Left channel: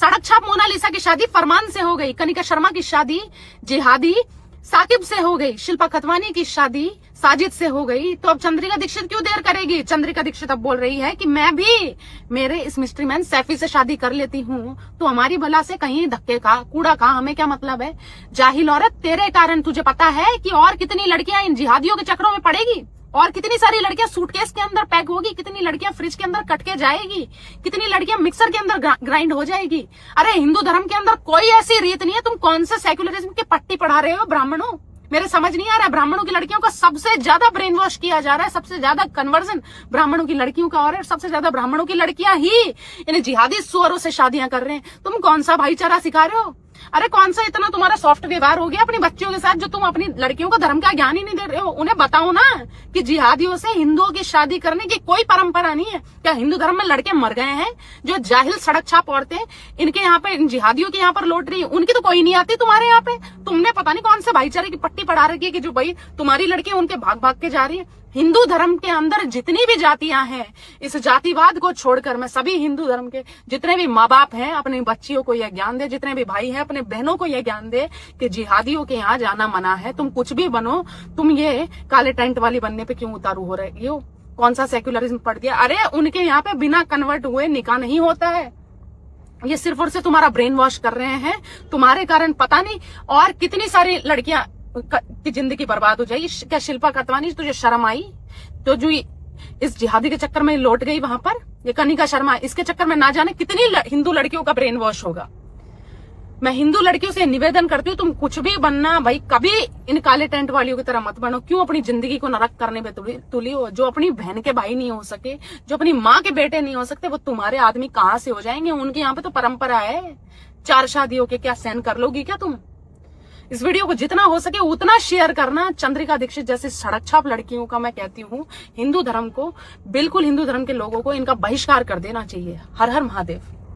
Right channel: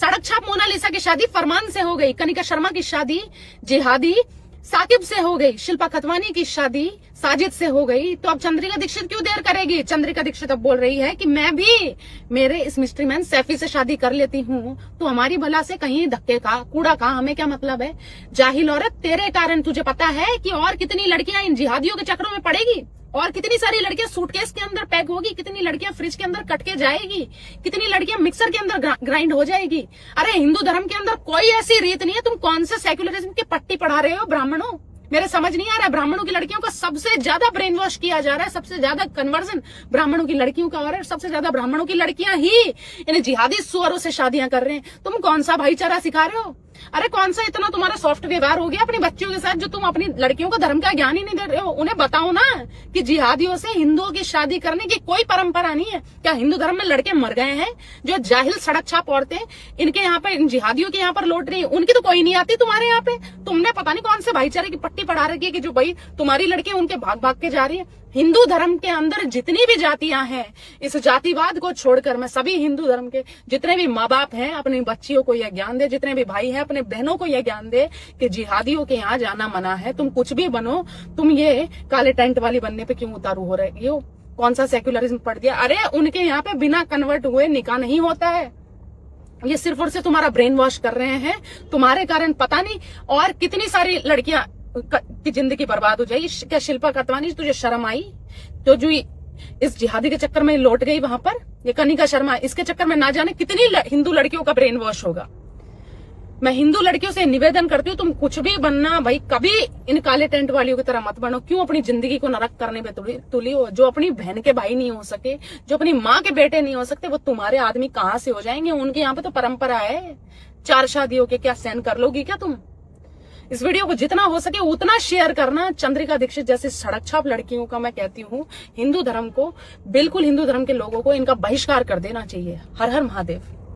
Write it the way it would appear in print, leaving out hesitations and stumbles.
सड़क छाप मोनालिसा की शादी फरमान से हो गई, कनिका शर्मा की शादी जिहादी साकिब से हो गई, शिल्पा खतवानी की शादी साजिद से हो गई, तो अब चंद्रिका दीक्षित क्यों देर करेगी? चंद्रिका दीक्षित अब बोल रही है कि मैं भी मेरे इस मिस्ट्री मैन सैफी से शादी कर लेती हूँ, तो हमारी भला से कहीं धक्के का कूड़ा का हमें क्या मतलब है? जाहिल औरत, तेरे कारण तुझे पता है कि और कितनी लड़कियां इन जिहादियों के चक्रों में पड़ेगी, और कितनी सारी लड़कियां सूटकेस के अंदर पैक होगी, कितनी लड़कियां फ्रिज के अंदर कट के जाएगी, कितनी लड़कियां मिक्सर के अंदर ग्राइंड हो जाएगी। अरे हिंदू धर्म के अंदर कोई ऐसी रीत नहीं है। तुम कौन से सेक्युलरिज्म की पट्टी पढ़ा रहे हो ब्राह्मणों? मेरे समझ नहीं आ रहा है। ब्राह्मणों की लड़कियों का सबसे ज्यादा ब्रेन वॉश किया जा रहा है, सबसे ज्यादा कन्वर्जन ब्राह्मणों की लड़कियों का हो रहा है, सबसे ज्यादा ब्राह्मणों की लड़कियां ही इन जिहादी सुअरों से शादियां कर रहे हैं। तुम कौन सा भाईचारा सिखा रहे हो? अरे कौन सा इतना तुम्हारा सॉफ्ट व्यवहार हो गया अपनी बच्चियों के साथ, जो तुम अपनी लड़कियों को धर्म का ज्ञान ही नहीं दे रहे हो? उन्हें बताओ ना कि जिहादियों से हिंदुओं की शादी करने की कोई परंपरा नहीं है। क्या हिंदू धर्म में लड़के मर गए हैं? जो जाहिल सड़क छाप औरतें इनके यहाँ पे, इन जिहादियों के यहाँ पर लौट रही है, उनकी तो कोई नहीं आती तुम्हारे यहाँ पे। तुमने पता नहीं कौन से भाईचारे की पट्टी पढ़ा रखी है कि जो भाई तुम्हारी लड़की उनके भाग भाग के जा रही है। हिंदू धर्म के अंदर जितनी भी जातियां हैं, इस जातिवाद को छोड़कर मैं सभी हिंदू धर्म के जितने भी माँ बाप हैं अपनी बच्चियों को यह ज्ञान दे, जितने भी भाई हैं अपने बहनों को यह ज्ञान दे कि जिहादियों के यहाँ जाना मना है। तुम कुछ भी बनो, तुम ये काले टेंट वाली बनने पे क्यों उतारू हो रहे हो? कौन सा सेक्युलरिज्म पड़ गया? अरे उनके यहाँ पे बिना कन्वर्ट हुए निकाह नहीं होता है। ये सिर्फ और सिर्फ तुम्हारा ब्रेन वॉश कर रहे हैं। तुम्हारे कारण पता नहीं और कितनी सारी लड़कियां की जिंदगी बर्बाद हो जाएगी। क्या शिल्पा खतवानी, तुझे शर्म आई? तो जो इस जिहादी के चक्कर में लौट गई वहां पर, ये कनिका शर्मा, इसके चक्कर में ना जाने कितनी हिंदू लड़कियों का ब्रेन वॉश होगा। मैं हिंदू लड़कियों से निवेदन करती हूँ, तुम कुछ भी बनना भाई, कभी इन काले टेंट वालियों की तरह मत बनो। क्यों अपनी जिंदगी को नरक करने पे तुली हो? जो अपनी बहन के भाई नहीं हो सके, जो अपनी माँ के बेटे नहीं हो सकते, वो तुम्हारे आदमी कहाँ से हो जाएंगे? उनके यहाँ पे तो परंपरा है 4 शादियों के। क्या सहन कर लोगी क्या तुम? इस वीडियो को जितना हो सके उतना शेयर करना। चंद्रिका दीक्षित जैसे सड़क छाप लड़कियों का मैं कहती हूँ, हिंदू धर्म को, बिल्कुल हिंदू धर्म के लोगों को इनका बहिष्कार कर देना चाहिए। हर हर महादेव।